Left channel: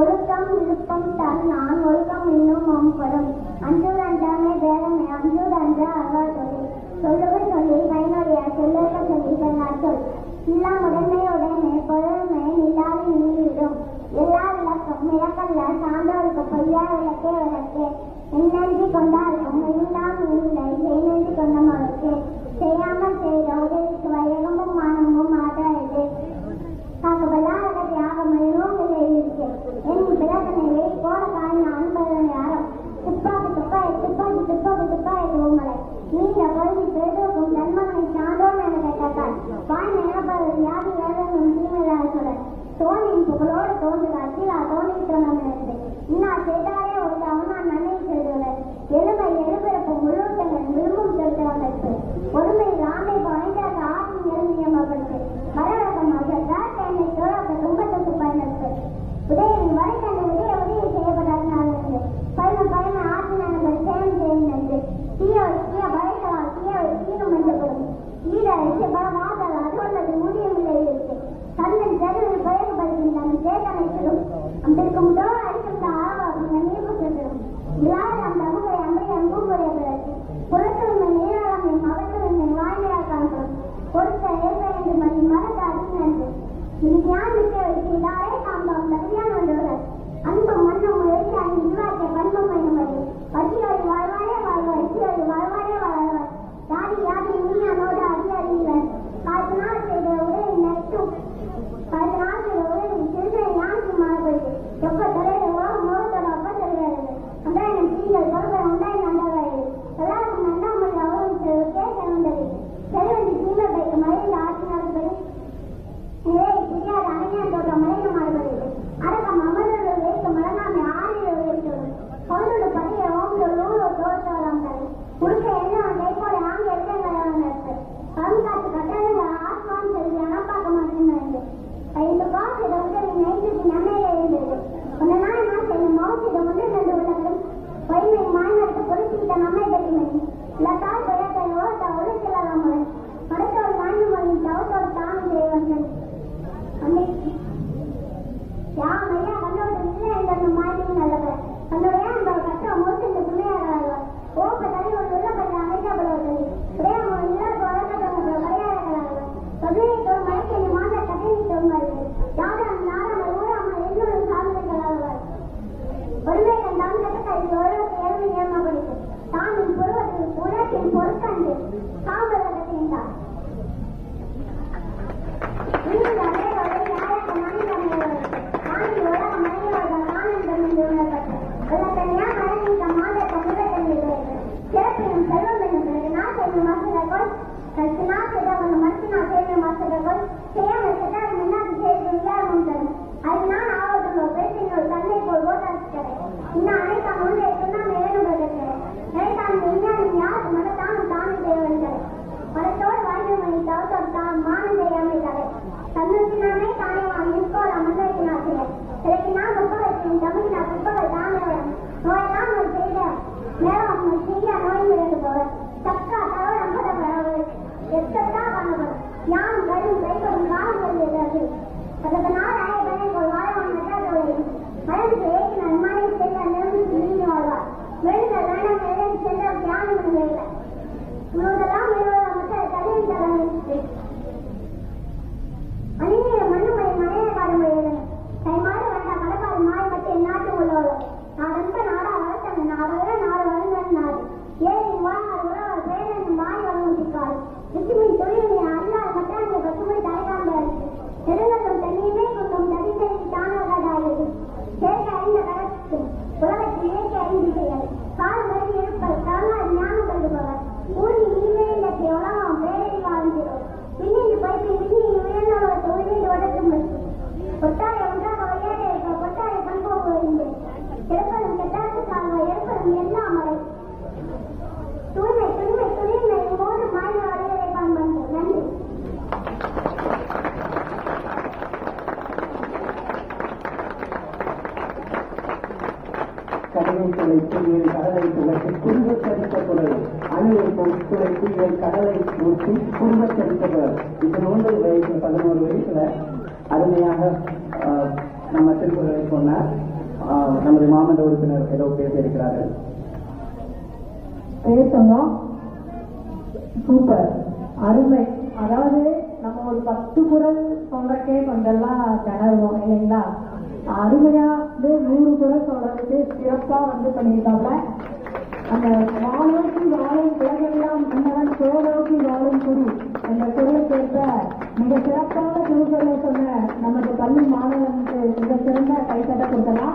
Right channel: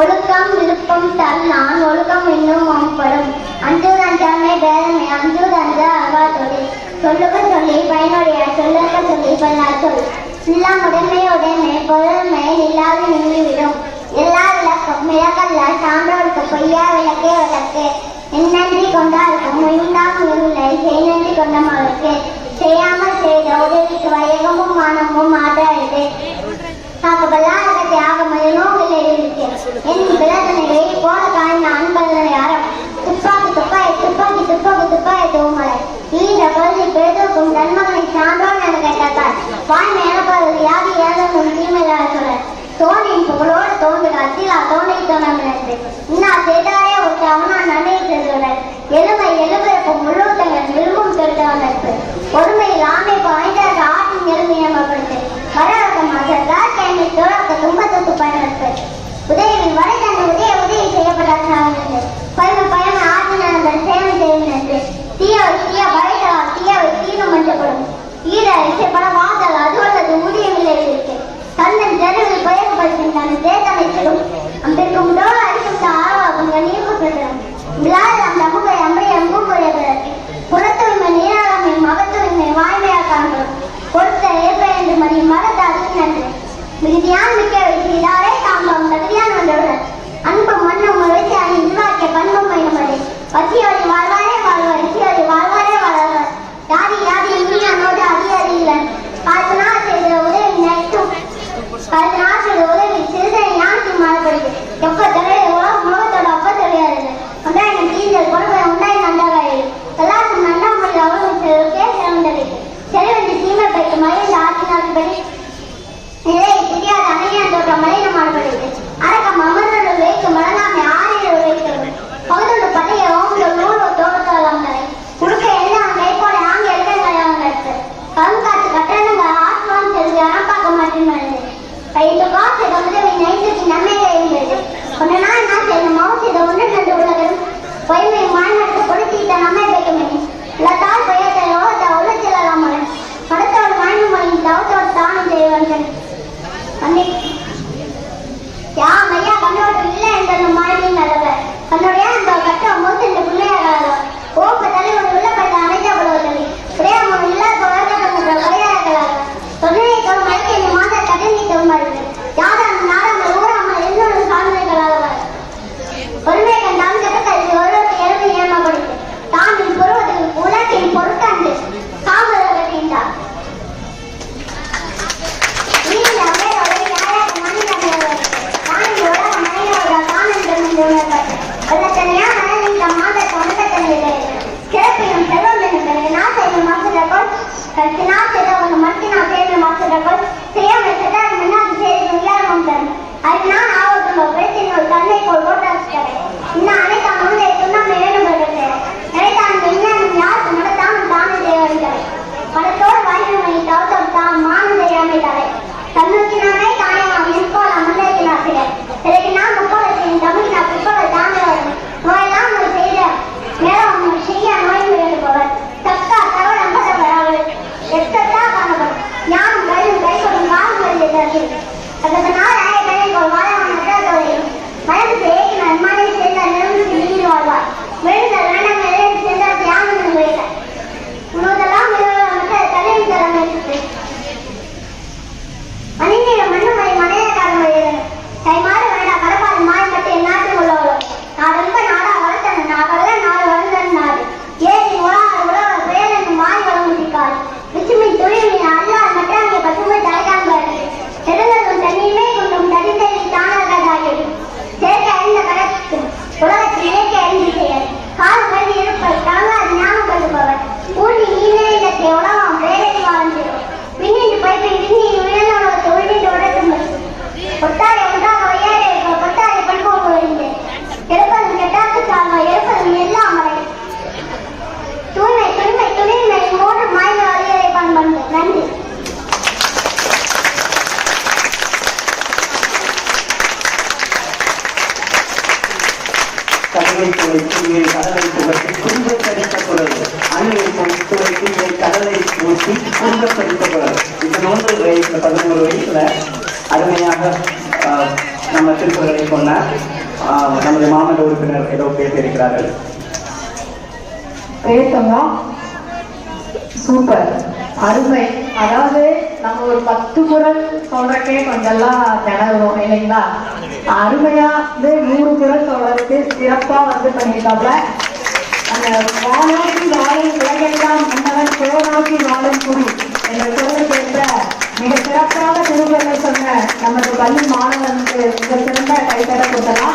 ஒழுக்கம் விருப்பம் தரலாம் ஒழுக்கம் இன்னும் மேம்படும். அஞ்சூர் அஞ்சாமை பேதமை அஞ்சூர் அஞ்ச அகா தொழில் சொல்லுக சொல்லி பயனுடைய சொல்லுக சொல்லி பல்லார் சொல் எல்லாம் உடைமை பொருள்மை இல்லாது நின்றுவிடும். எல்லா விளக்கம் விளக்கல்ல சான்றோருக்கு பொய்யா விளக்கே விளக்கு. என்னன்றி கொண்டாருக்கும் முயன்றாம் இல்லை செய்நன்றி கொண்டவர்களுக்கு செய்யாமல் செய்த உதவிக்கு வயகமும் மானமும் ஆதாரது. பல்லாரகத்தை ஆகமதினோ இல்லை இருக்கு என் பிறதனை போல காய்ந்த அன்பர்களை அறம் துப்பாக்கி துப்பாக்கி தூமலை ஈன்ற பள்ளி பெருதுக்கும் நன்மகனை சான்றோன் என கேட்டார். வாய்மை எனப்படுவது யாரு ஏதும் ஒரு தீமையாக சொல்ல தோணியின் புகழோடு தோன்றுக அத்திலா தோணை தோணமிழந்து இன்னா செய்தாரே ஒரு அவனா நன்மை செய்துள்ளனர். எழுபிறப்பும் முழுத்தங்கள் விரும்பும் கருத்தவன் நட்பு ஒருமையில் ஆமை பாய்ந்தார் ஆட்டின் எருமையமைப்படுத்து வரவக்கம் அசர்ந்தார் கைமை தோழக்க துன்பத்துக்கு பயனற்று உதவியின் வரை தந்து உதவி செய்யப்பட்டார். பயண ஆற்றினர் சேவை செய்வது தீய வரைதலால் தீயவை தீனம் மஞ்சப்படும் ஈர இசைப்பட வாதல் அதுவல்லது ஊதியமில்லை இருக்கு. தந்தன் ஜனவில் பயன்படுத்துகின்றன தேசமைச்சலும் அம்பிற்கும் டோல் அடிக்கும் ஆர்வாகும் நீர்க்கும் விழாதம் தமுகை அம்பை அம்புக்குறையதற்கு புறத்தூய்மை நீராளமை மகத்தூய்மை வாய்மையாக காணப்படும். கொடுத்த ஏற்ப மணி மகத்தாது நன்று மிகுதியான் மிக்க வைத்து இதாரே தாம்பம் தகுதியான் வந்தவுடன் அன்பு மன்னம் வைத்து அதை உருவாக்கிய பண்பும் பயன்படு வசியோடி வாழ்வாரே வாழ்வார் இசியோடி வாழ்வாரே வாழ்வார் யாதி இனியானோடு அதிகாரி இல்லை. பல நாள் செய்த உதவி நட்டும் பல நாள் செய்த உதவி சிறுதனை யாருக்கு மாறப்படுது எப்ப தலையில முகத்தோட அப்ப தெரியாது உண்டாயின் தீர்ந்தல் பொறுப்பை உண்டாயின் நன்றாக எல்லாருக்கும் நன்றாமல் அவர்களுக்கே சிறந்தது செலவென்று தீமை பைக்கு மகிழ்ந்து ஆற்றினால் படி நிலை தெரியாத அணையான் தோற்ற மலையில மாறுபடுது. அரக்கம் அமர்ந்தோடு வைக்கும் வழங்காமை ஆறில் உழைக்கிறது பகுதோடு பழைய ஓம்பு நூலோ தோற்றலாம் தலை உடுக்க எல்லாம் கைப்போட ஆங்க இடங்களையாக கருத்து கண்காட்சி கட்டணங்கள் ஆத்மான் செல்வி அறப்பாக்க மாட்டேன் ஐந்து காசு உதவி நைந்துக்கு நன்மைகள் இருந்தது. ஒன்று நாள் நான் செய்த மௌசித ஒன்று நன்று உலகம் பொய்மை மாநிலத்தை கொடுத்தீட்ட நம்மை வைக்கமே இல்லத்தால் பயத்தை யோகத்தை உழைச்சலாம் படத்தோடு மாய்வு மொழியின் தவத்தோடு தானம் செய்வார்கள். யாம் ஐயா கண்ணோடு இல்லை என்ற மாய்வின் நல்லவர் தன்னுடைய கட்ட மூச்சு இந்த பிள்ளையாக ஓப்ப தலைவர் உள்ளப்பட்ட அனைத்தப்படுவதில்லை பிரேமம் இல்லாத வரையார்களாக தொழிலை மணிக்கு இந்த மாத கடனை தருமாறு யாரும் நாடாமல் ஊராமல் எல்லோரும் சாதனைகளாக ஒருமை கண்டாம் ஜகத்தில் ஒருவருக்கு எழுதி ஏமாப்படுது தாமின் பொருவதில் உலகின் பொருட்டாண்டு காமதற்கின்றார். சிறப்பிலும் செல்வம் என்பதை நாசையில் மாசுடக்கோள் கருத்தினால் மத்தினால் சேர்ந்த மாசுடக்கோள் செய்யாமல் சென்றால் முன்னாடி செய்து விளையாடும் தரும் அதனால் ஆவட்டும் பிரச்சனை ஒரு தன்னை போல் ஓட்டாசிட்டவை இன்னும் அனைத்தாம் முந்தைய துண்ணம் வேணும்படுகிறது நினைத்தான் விஞ்ஞானம் யாருக்கு நடத்தாமல் தானே செய்வதில்லை படத்தோடு வாய்மை தவத்தோடு தான் மானந்த இறமைத்தாரை தன்னுக்கினானே தாயமாக நிற்கோள் அமர்ந்தின் ஆசிரியர் இதற்கு நான் முப்பதத்தின் தமிழ் நான் பிற்பகல் தானே வரும் நோயெல்லாம் ஒரு செய்த மேலும் செய்ய நோய் வேண்டுபவர் தக்கா தவறு நம்பத்தவர் அவள் எத்தா காணவர் ஞானம் கையும் கைப்படும் காலம் வருகிறது. அதனால் கையை வாழாமல் மனது செய்ய நன்மானை சேர்ந்தால் நிறுவனத்தில் நீர் வாழ்வார் விழுந்தல் வேண்டாம் நிலையில் சேர்ந்தால் தியானம் வைத்தார் உணவதெல்லாம் தலைமை தரமே மனிதன மண்ணுமலை மனிதக்காரன் வருகிறது கைமாறு வேண்டா கடப்பாடு மாயப்பட்டு எந்நாட்டில் உள்ளவளோ நான் ரொம்ப நாடா வளர்த்தன நாகல்ல நாடு வளர்ந்தன் நாடு ஏறி உலக பிரேதன் மாறி வளர்ந்துட்டாள் விசுமி தொழில் அல்லால் மற்றாங்க பசுமை தலைக்காக நெடுங்களும் தண்ணீமே கொண்டும் தடித்தறி தானாக சேர்க்க அறிந்த கடத்து உலகத்தில் இயற்கை அறிந்து செயல் கால் கல்வி இருப்பது தாங்காது ஞாபகப்படுத்துபவர் ஊழி ஈழத்தை உலகம் வேலை வாழ்ந்திடும் விண்ணின் பைப்பை விண்ணின் உயர்ந்த உலகத்தை உள்ளிட்டு உடற்று ஒட்டாரை ஒன்றாக வையாரை கொட்டாரை பண்போக்கு வருகின்றேன் எடுப்பதும் கெட்டாத்து சால்வா எடுப்பதும் எல்லாம் மறை தூய்மை துணிமை துணிமை மூன்று மாய்ந்த வழியரை பண்பு நன்றி. கடலை துளைத்து கடலை துளைத்து குறும்ப கிடைக்கப்படாது அன்னைக்கு துளைத்து கடலை ஊற்றி குறும்ப கிடைக்கப்படாது. இது 13 வயசுல 11 வயசுல அருமையாக நம்ம திருக்குறளை சொன்ன நமது மாமன்ற உறுப்பினர் ஏதோ பேசியிருக்கிறார்கள். பேசணும். சூப்பர், அருமை. அதாவது நம்ம ஒரு 10 குறள் சொல்றக்கே கொஞ்சம்லாம் திணறுவோம் இல்லைங்களா? அருமையா 100 குறள் சொல்றதுக்கு சிறப்பா பண்ணியிருக்காப்ல. அந்த வானோக்கி வாழும் உலகெல்லாம் முன்னவர் கோனோக்கி வாழும் குடி என்ற சொல்லுக்கு ஏற்ற மிக சிறப்பான திருக்குறளை சொன்ன நமது பள்ளி மாணவனுக்கு மிக சிறந்த கைத்தட்ட கொடுத்தலாம்.